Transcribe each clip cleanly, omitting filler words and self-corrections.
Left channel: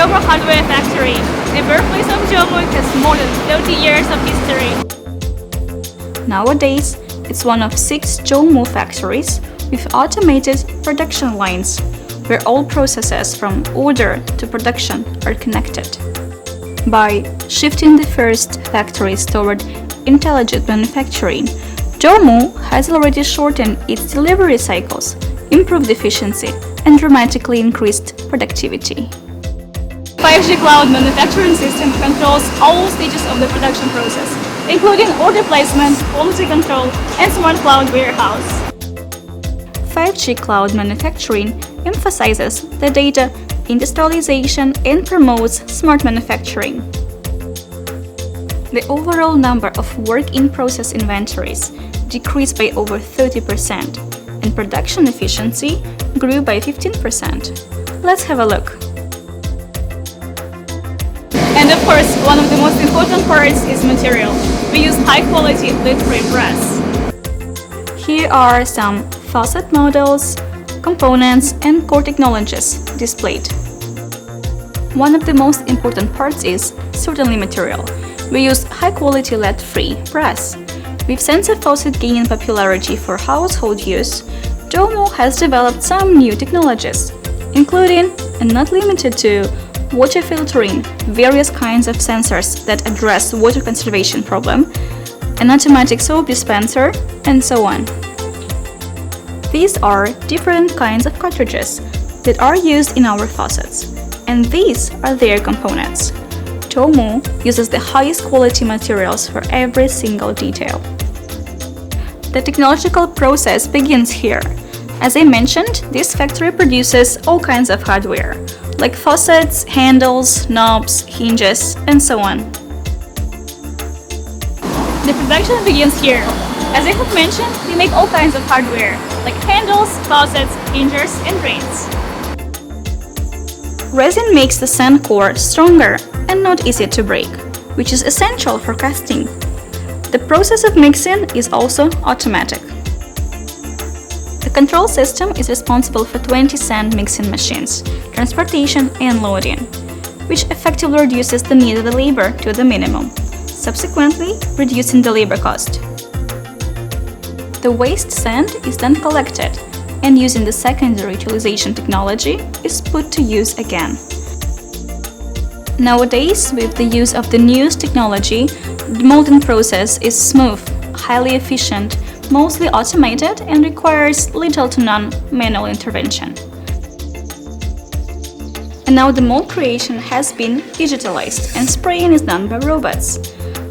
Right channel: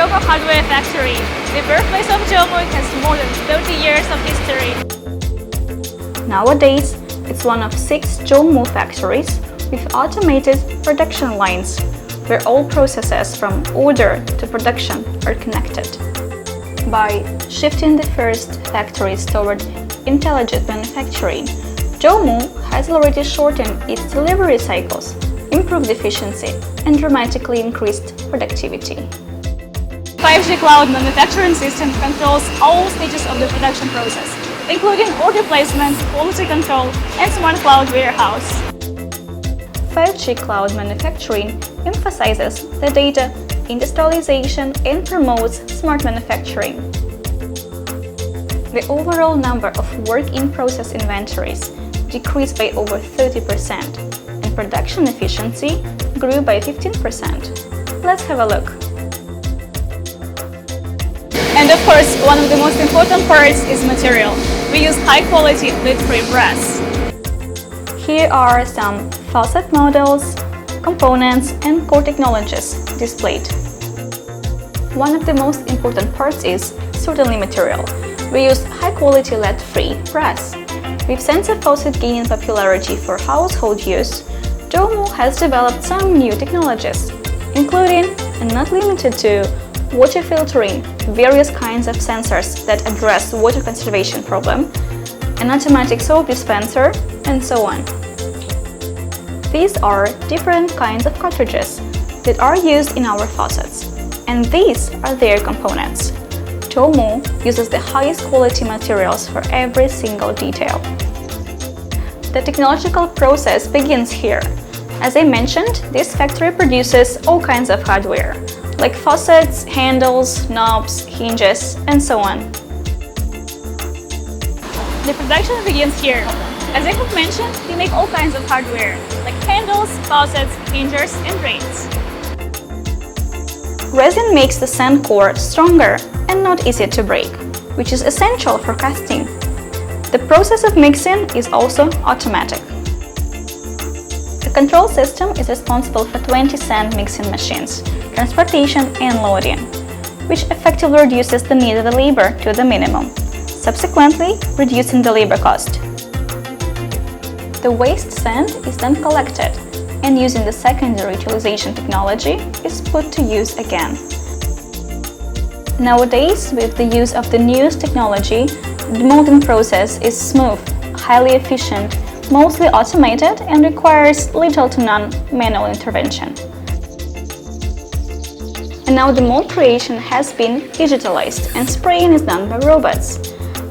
Jomoo Hardware Factory. The birthplace of Jomoo has more than 30 years of history. Nowadays, it's one of 6 Jomoo factories with automated production lines, where all processes from order to production are connected. By shifting the first factories toward intelligent manufacturing, Jomoo has already shortened its delivery cycles, improved efficiency, and dramatically increased productivity. 5G cloud manufacturing system controls all stages of the production process, including order placement, quality control, and smart cloud warehouse. 5G cloud manufacturing emphasizes the data industrialization and promotes smart manufacturing. The overall number of work-in-process inventories decreased by over 30%, and production efficiency grew by 15%. Let's have a look. And of course, one of the most important parts is material. We use high-quality lead-free brass. Here are some faucet models, components, and core technologies displayed. One of the most important parts is certainly material. We use high-quality lead-free brass. With sensor faucet gaining popularity for household use, Jomoo has developed some new technologies, including, and not limited to, water filtering, various kinds of sensors that address water conservation problem, an automatic soap dispenser, and so on. These are different kinds of cartridges that are used in our faucets, and these are their components. Jomoo uses the highest quality materials for every single detail. The technological process begins here. As I mentioned, this factory produces all kinds of hardware, like faucets, handles, knobs, hinges, and so on. The production begins here. As I have mentioned, we make all kinds of hardware, like handles, faucets, hinges, and brains. Resin makes the sand core stronger and not easy to break, which is essential for casting. The process of mixing is also automatic. The control system is responsible for 20 sand mixing machines, transportation, and loading, which effectively reduces the need of the labor to the minimum, subsequently reducing the labor cost. The waste sand is then collected and, using the secondary utilization technology, is put to use again. Nowadays, with the use of the newest technology, the molding process is smooth, highly efficient, mostly automated, and requires little to none manual intervention. And now the mold creation has been digitalized and spraying is done by robots.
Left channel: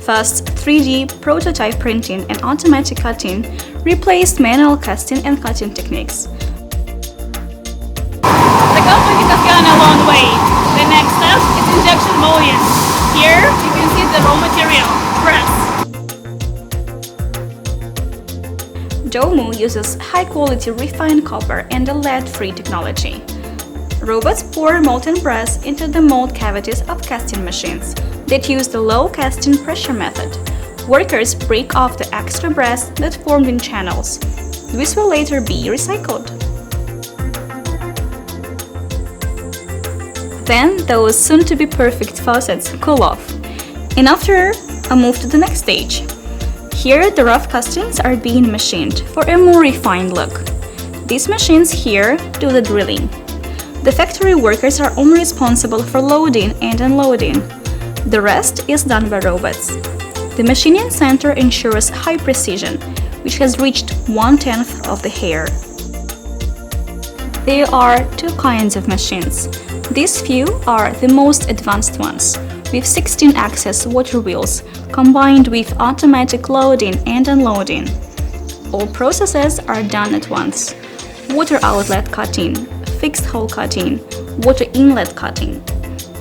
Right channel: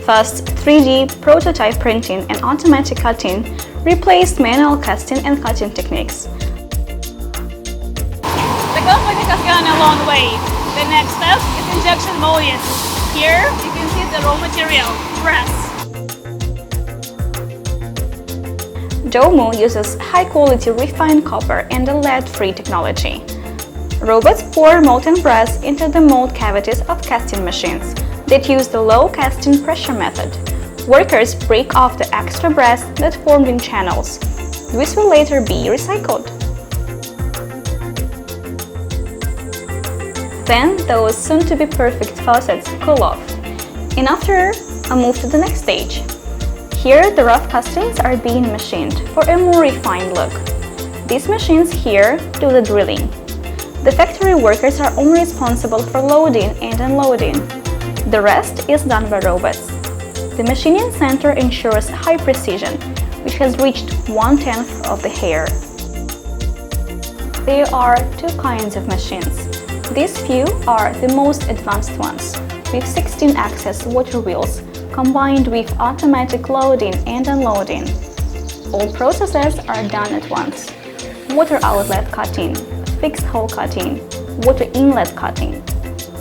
Fast 3D prototype printing and automatic cutting replaced manual casting and cutting techniques. The company has gone a long way. The next step is injection molding. Here you can see the raw material, brass. Jomoo uses high-quality refined copper and a lead-free technology. Robots pour molten brass into the mold cavities of casting machines that use the low casting pressure method. Workers break off the extra brass that formed in channels. This will later be recycled. Then those soon-to-be perfect faucets cool off, and after a move to the next stage. Here, the rough castings are being machined for a more refined look. These machines here do the drilling. The factory workers are only responsible for loading and unloading. The rest is done by robots. The machining center ensures high precision, which has reached 1/10 of the hair. There are 2 kinds of machines. These few are the most advanced ones, with 16-axis water wheels combined with automatic loading and unloading. All processes are done at once. Water outlet cutting, fixed hole cutting, water inlet cutting.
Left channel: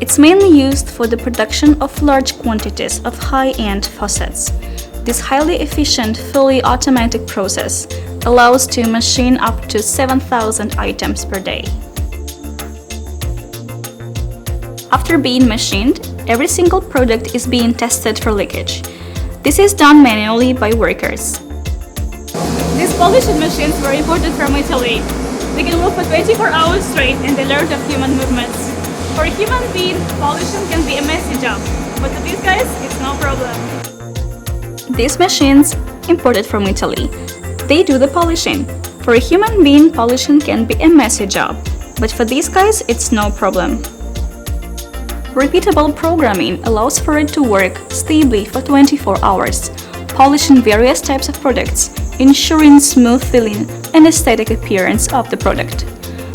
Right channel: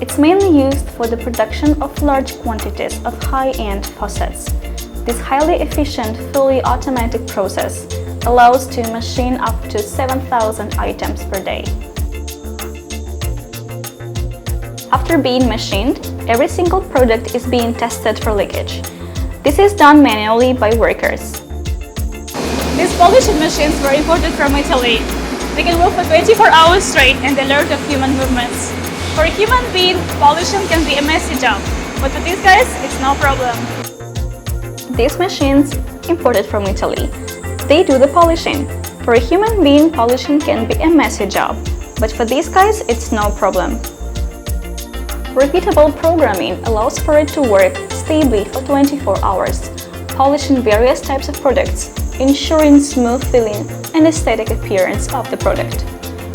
It's mainly used for the production of large quantities of high-end faucets. This highly efficient, fully automatic process allows to machine up to 7,000 items per day. After being machined, every single product is being tested for leakage. This is done manually by workers. These polishing machines were imported from Italy. They can work for 24 hours straight and alert of human movements. For a human being, polishing can be a messy job, but for these guys, it's no problem. These machines, imported from Italy, they do the polishing. For a human being, polishing can be a messy job, but for these guys, it's no problem. Repeatable programming allows for it to work stably for 24 hours, polishing various types of products, ensuring smooth feeling and aesthetic appearance of the product.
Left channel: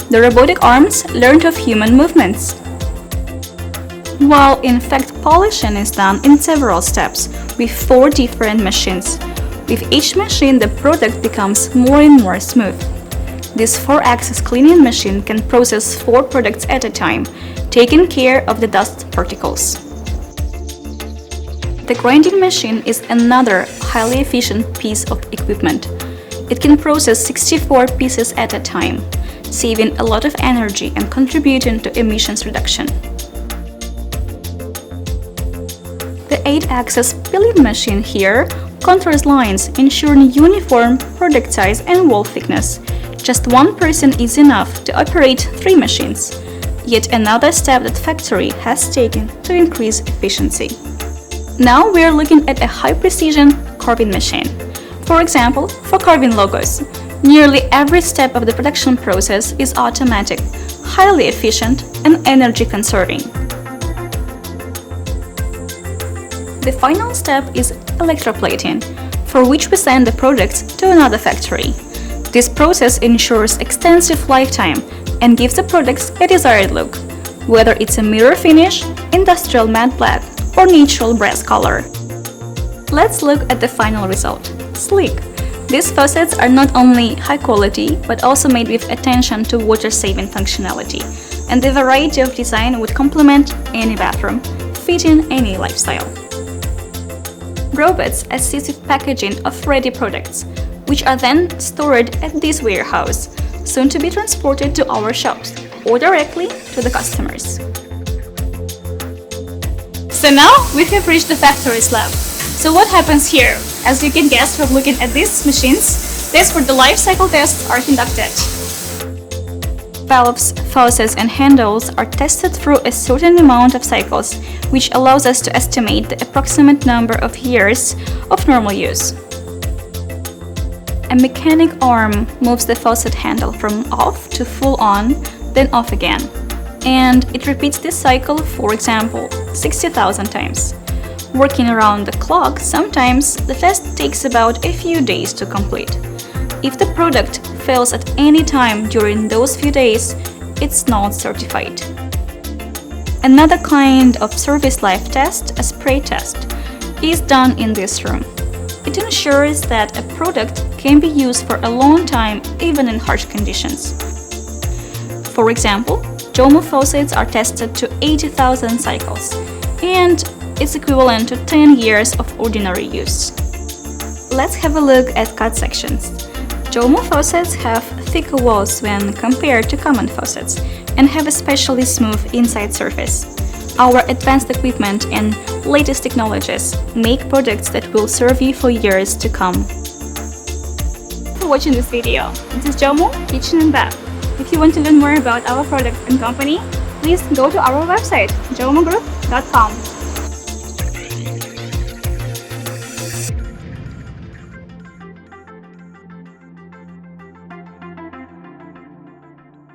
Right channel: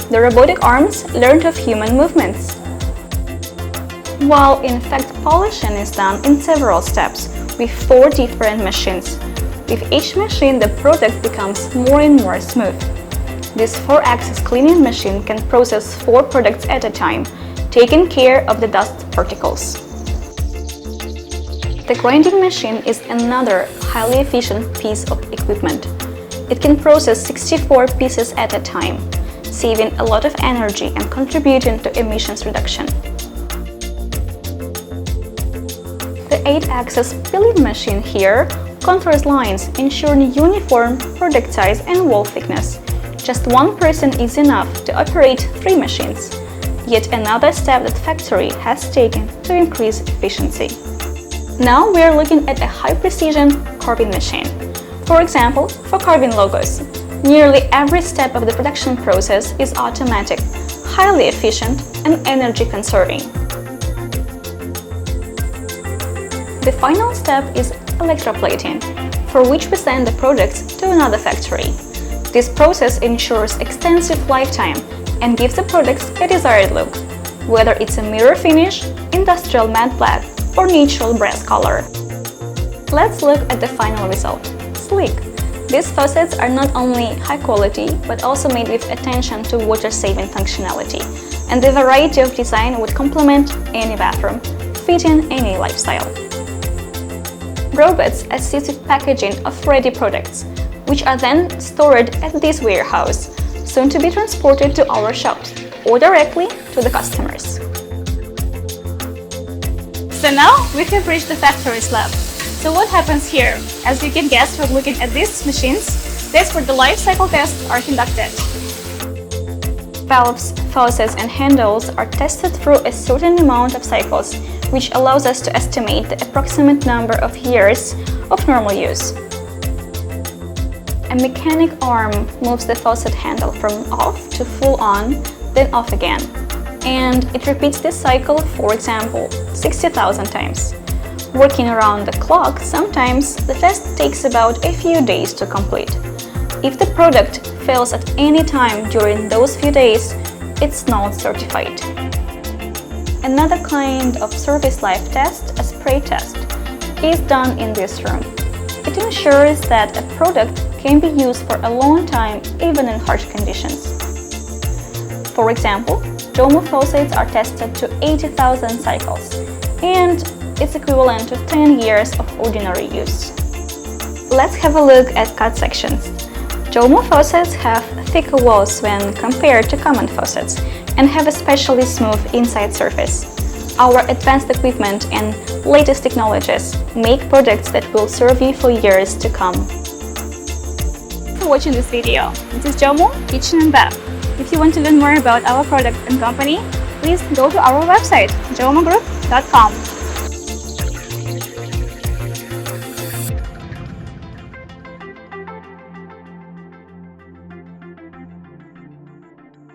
The robotic arms learn of human movements. While in fact polishing is done in several steps with 4 different machines. With each machine, the product becomes more and more smooth. This 4-axis cleaning machine can process 4 products at a time, taking care of the dust particles. The grinding machine is another highly efficient piece of equipment. It can process 64 pieces at a time, saving a lot of energy and contributing to emissions reduction. The 8-axis pilling machine here contours lines, ensuring uniform product size and wall thickness. Just one person is enough to operate 3 machines. Yet another step that factory has taken to increase efficiency. Now we are looking at a high-precision carving machine. For example, for carving logos, nearly every step of the production process is automatic, highly efficient, and energy-conserving. The final step is electroplating, for which we send the products to another factory. This process ensures extensive lifetime and gives the products a desired look, whether it's a mirror finish, industrial matte black, or natural brass color. Let's look at the final result. Sleek! These faucets are not only high quality, but also made with attention to water-saving functionality, and the variety of design would complement any bathroom, fitting any lifestyle. Robots assist with packaging of ready products, which are then stored at this warehouse, soon to be transported to our shops or directly to the customers. So now we have reached the factory's lab. So what happens here? As you can guess from looking at these machines, tests for the life cycle tests are conducted. Valves, faucets, and handles are tested through a certain amount of cycles, which allows us to estimate the approximate number of years of normal use. A mechanic arm moves the faucet handle from off to full on, then off again, and it repeats this cycle, for example, 60,000 times. Working around the clock, sometimes the test takes about a few days to complete. If the product fails at any time during those few days, it's not certified. Another kind of service life test, a spray test, is done in this room. It ensures that a product can be used for a long time, even in harsh conditions. For example, Jomoo faucets are tested to 80,000 cycles, and it's equivalent to 10 years of ordinary use. Let's have a look at cut sections. Jomoo faucets have thicker walls when compared to common faucets and have a specially smooth inside surface. Our advanced equipment and latest technologies make products that will serve you for years to come. Thanks for watching this video. This is Jomoo, Kitchen and Bath. If you want to learn more about our product and company, please go to our website, jomoogroup.com.